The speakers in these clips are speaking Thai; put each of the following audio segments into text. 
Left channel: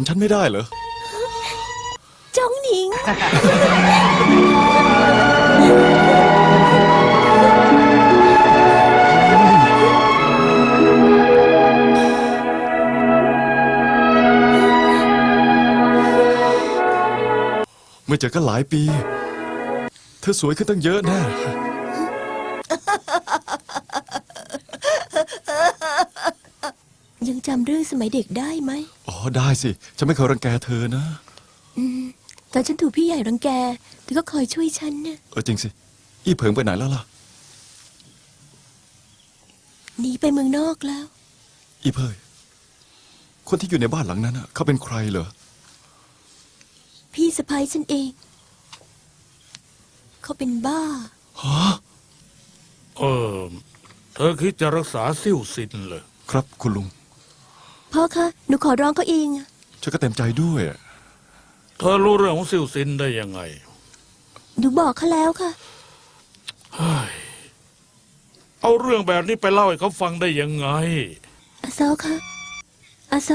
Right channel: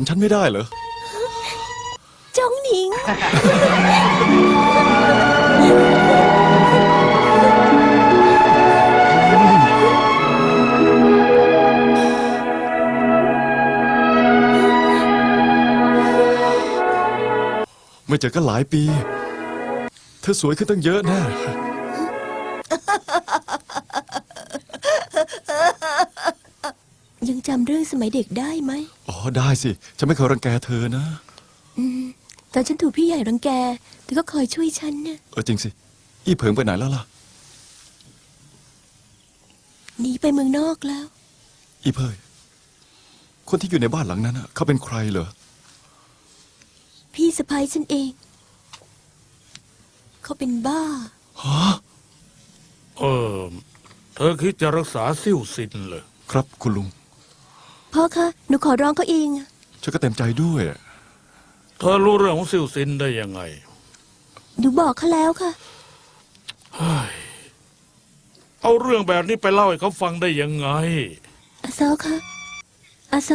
ำฉันไม่ได้เหรอจ้องหนิง ไม่เจอกันหลายปี เธอสวยขึ้นตั้งเยอะแน่ ยังจำเรื่องสมัยเด็กได้ไหมอ๋อ ได้สิ ฉันไม่เคยรังแกเธอนะ ตอนฉันถูกพี่ใหญ่รังแกเธอก็คอยช่วยฉันน่ะเออจริงสิ อี้เผิงไปไหนแล้วล่ะ หนีไปเมืองนอกแล้ว อีเพยคนที่อยู่ในบ้านหลังนั้นน่ะเขาเป็นใครเหรอ พี่สะพ้ายฉันเอง เขาเป็นบ้า ฮะ เออ เธอคิดจะรักษาซิ่วซินเหรอ ครับคุณลุง พ่อคะ หนูขอร้องเขาเองอะฉันก็เต็มใจด้วยเธอรู้เรื่องของซิ่วซินได้ยังไงหนูบอกเขาแล้วค่ะเอาเรื่องแบบนี้ไปเล่าให้เขาฟังได้ยังไง อาโซคะอาโซ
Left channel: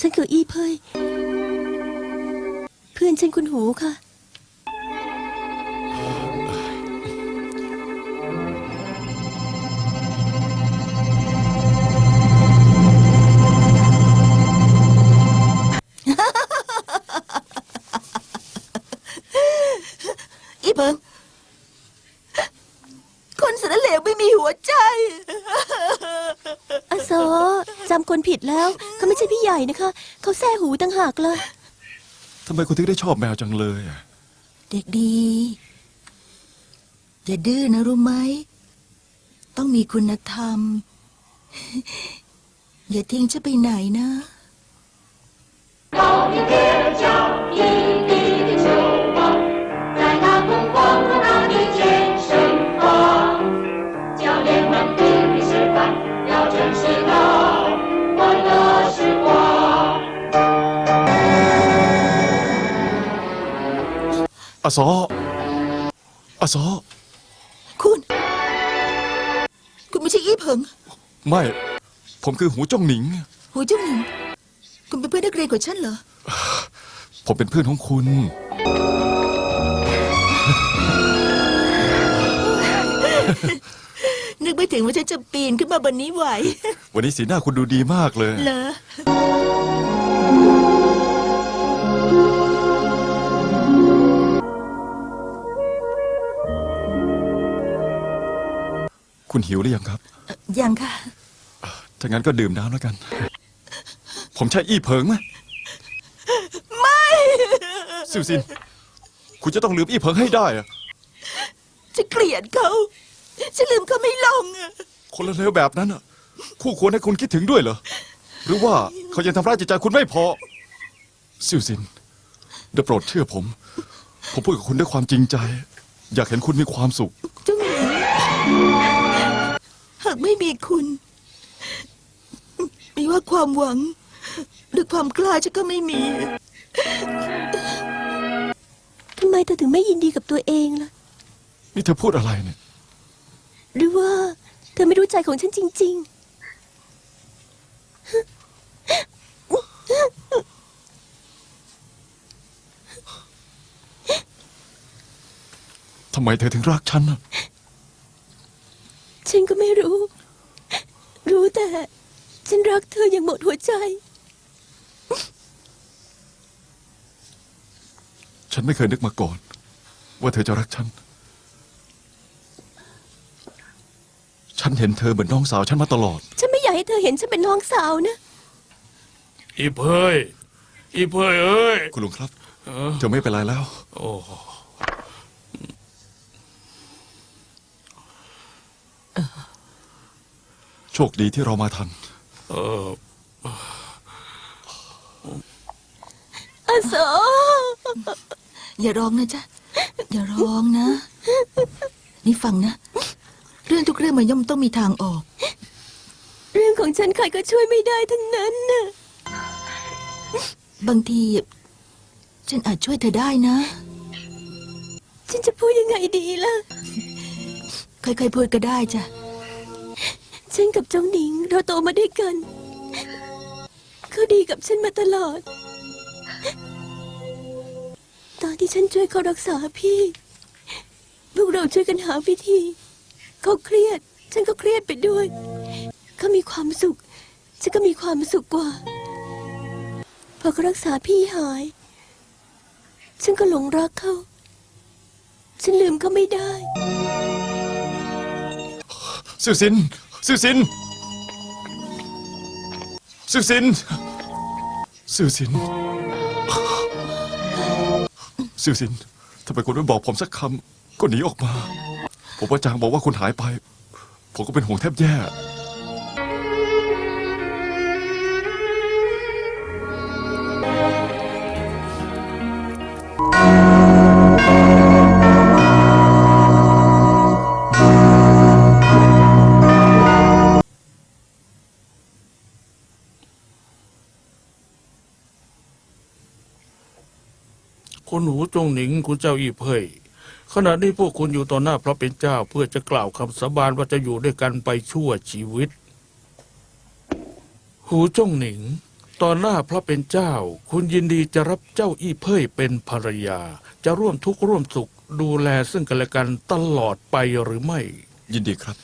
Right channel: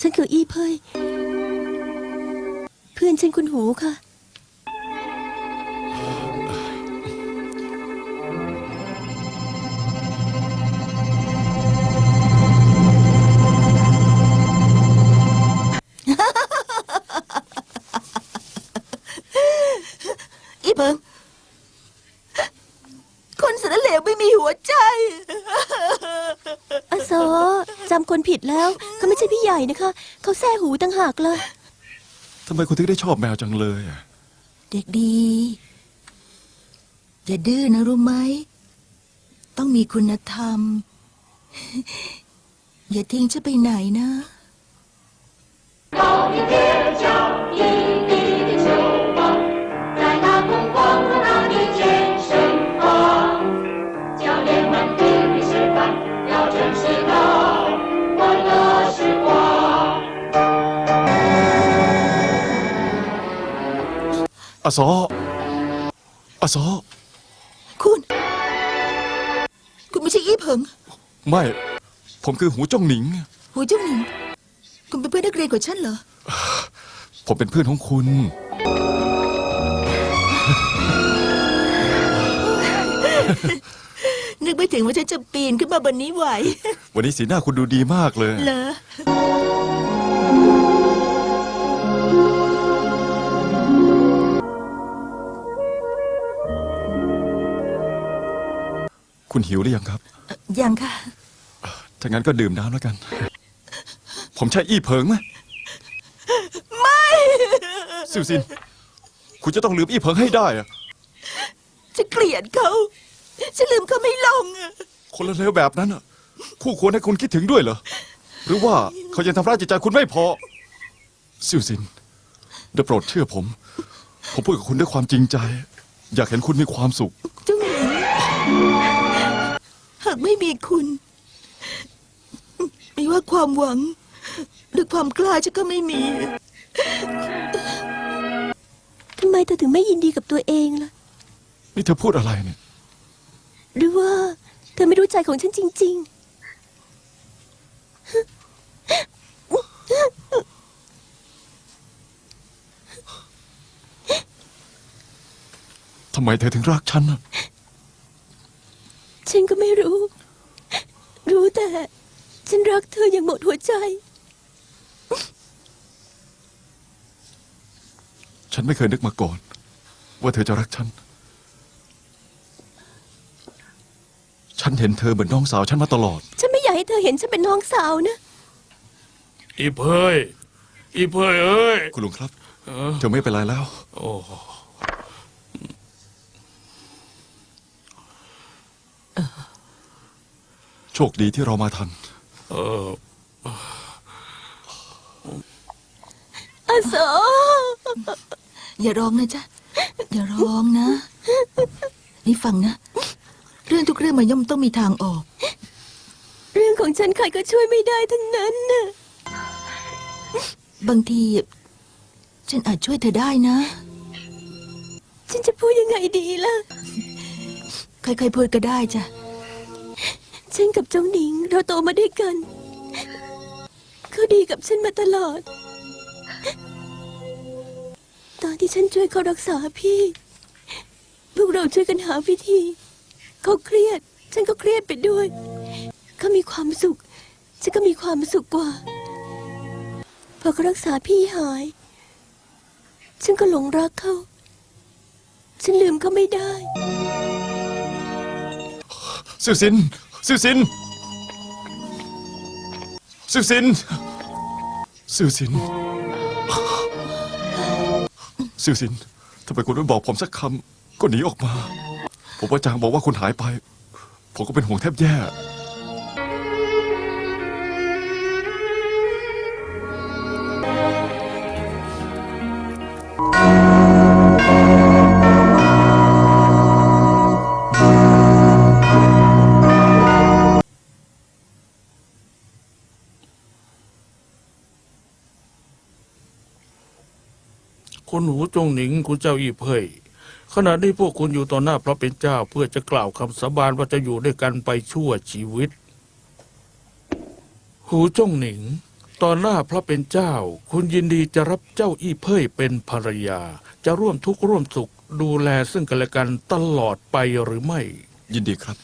ฉันคืออีเพยเพื่อนฉันคุณหูค่ะ เขาแซ่หูตั้งหากเลย ทำไมคุณถึงได้ชอบแมวจังเลยอะ เด็กดีอย่าดื้อนะรู้ไหม ต้องมีคุณธรรม อย่าทิ้งฉันไปไหนนะ 高一点的脚，一地的球棒，在那空旷浩大的健身房，教练们拼命示范，要真是他 อาซออาซอคุณ คุณไม่ใช่อีเพิงไม่ ผมคือหูจ้องหนิง หัวเจ้าหนิง คุณเป็นเพื่อนนักเรียนของฉันเหรอ ผมเป็นเพื่อนของคุณ นึกไม่ถึงว่าฉันจะปีนขึ้นมาบนนี้ไหว วันนี้สีหน้าคุณดูดีมากเลย เหรอ คุณหิวหรือยังครับ ยังค่ะ ถ้างั้นก็ดื่มน้ำแล้วกัน ผมใช่อี้เผิงไหมไม่ซิวซิน คุณจะต้องลืมอี้เผิงให้ได้อะจะเกลียดเขาฉันลืมเขาไม่ลงอะคนละเลวแบบนั้นอะคู่ควรให้คุณคิดถึงด้วยเหรอ หรือว่าเขายังทำร้ายจิตใจคุณไม่พอ ซิวซินได้โปรดเชื่อผม ผมพูดกับคุณด้วยความจริงใจ อยากเห็นคุณมีความสุขเจ้าหญิงหากไม่มีคุณไม่ว่าความหวัง หรือความกล้าฉันก็ไม่มี ทำไมเธอถึงไม่ยินดีกับตัวเองล่ะ นี่เธอพูดอะไรเนี่ย หรือว่า เธอไม่รู้ใจของฉันจริง ทำไมเธอถึงรักฉันน่ะๆ ฉันก็ไม่รู้ รู้แต่ ฉันรักเธออย่างหมดหัวใจ ฉันไม่เคยนึกมาก่อน ว่าเธอจะรักฉัน ฉันเห็นเธอเหมือนน้องสาวฉันมาตลอด ฉันไม่อยากให้เธอเห็นฉันเป็นน้องสาวนะ อีเพยอีเพยเอ้ย คุณลุงครับ เออเจะไม่เป็นไรแล้ว โอ้ โชคดีที่เรามาทัน เอออาโซอย่าร้องนะจ๊ะ อย่าร้องนะ นี่ฟังนะ เรื่องทุกเรื่องมันย่อมต้องมีทางออก เรื่องของฉันใครก็ช่วยไม่ได้ทั้งนั้นน่ะบางที ฉันอาจช่วยเธอได้นะ ฉันจะพูดยังไงดีล่ะ ใครๆพูดก็ได้จ้ะ ฉันกับเจ้าหนิงเราโตมาด้วยกัน เขาดีกับฉันมาตลอด ตอนที่ฉันช่วยเขารักษาพี่ พวกเราช่วยกันหาวิธี เขาเครียด ฉันก็เครียดไปด้วย เขามีความสุข ฉันก็มีความสุขกว่า พอเขารักษาพี่หาย ฉันก็หลงรักเขา ฉันลืมเขาไม่ได้ซิวซิน ซิวซินซิวซินซิวซินซิวซินทำไมคุณไม่บอกผมสักคำก็หนีออกมา ผมว่าจางบอกว่าคุณหายไป ผมก็เป็นห่วงแทบแย่ คุณหูจงหนิงคุณเจ้าอีเพ่ยขณะนี้พวกคุณอยู่ต่อหน้าพระเป็นเจ้าเพื่อจะกล่าวคำสาบานว่าจะอยู่ด้วยกันไปชั่วชีวิต หูจงหนิงต่อหน้าพระเป็นเจ้า คุณยินดีจะรับเจ้าอีเพ่ยเป็นภรรยา จะร่วมทุกข์ร่วมสุขดูแลซึ่งกันและกันตลอดไปหรือไม่ ยินดีครับ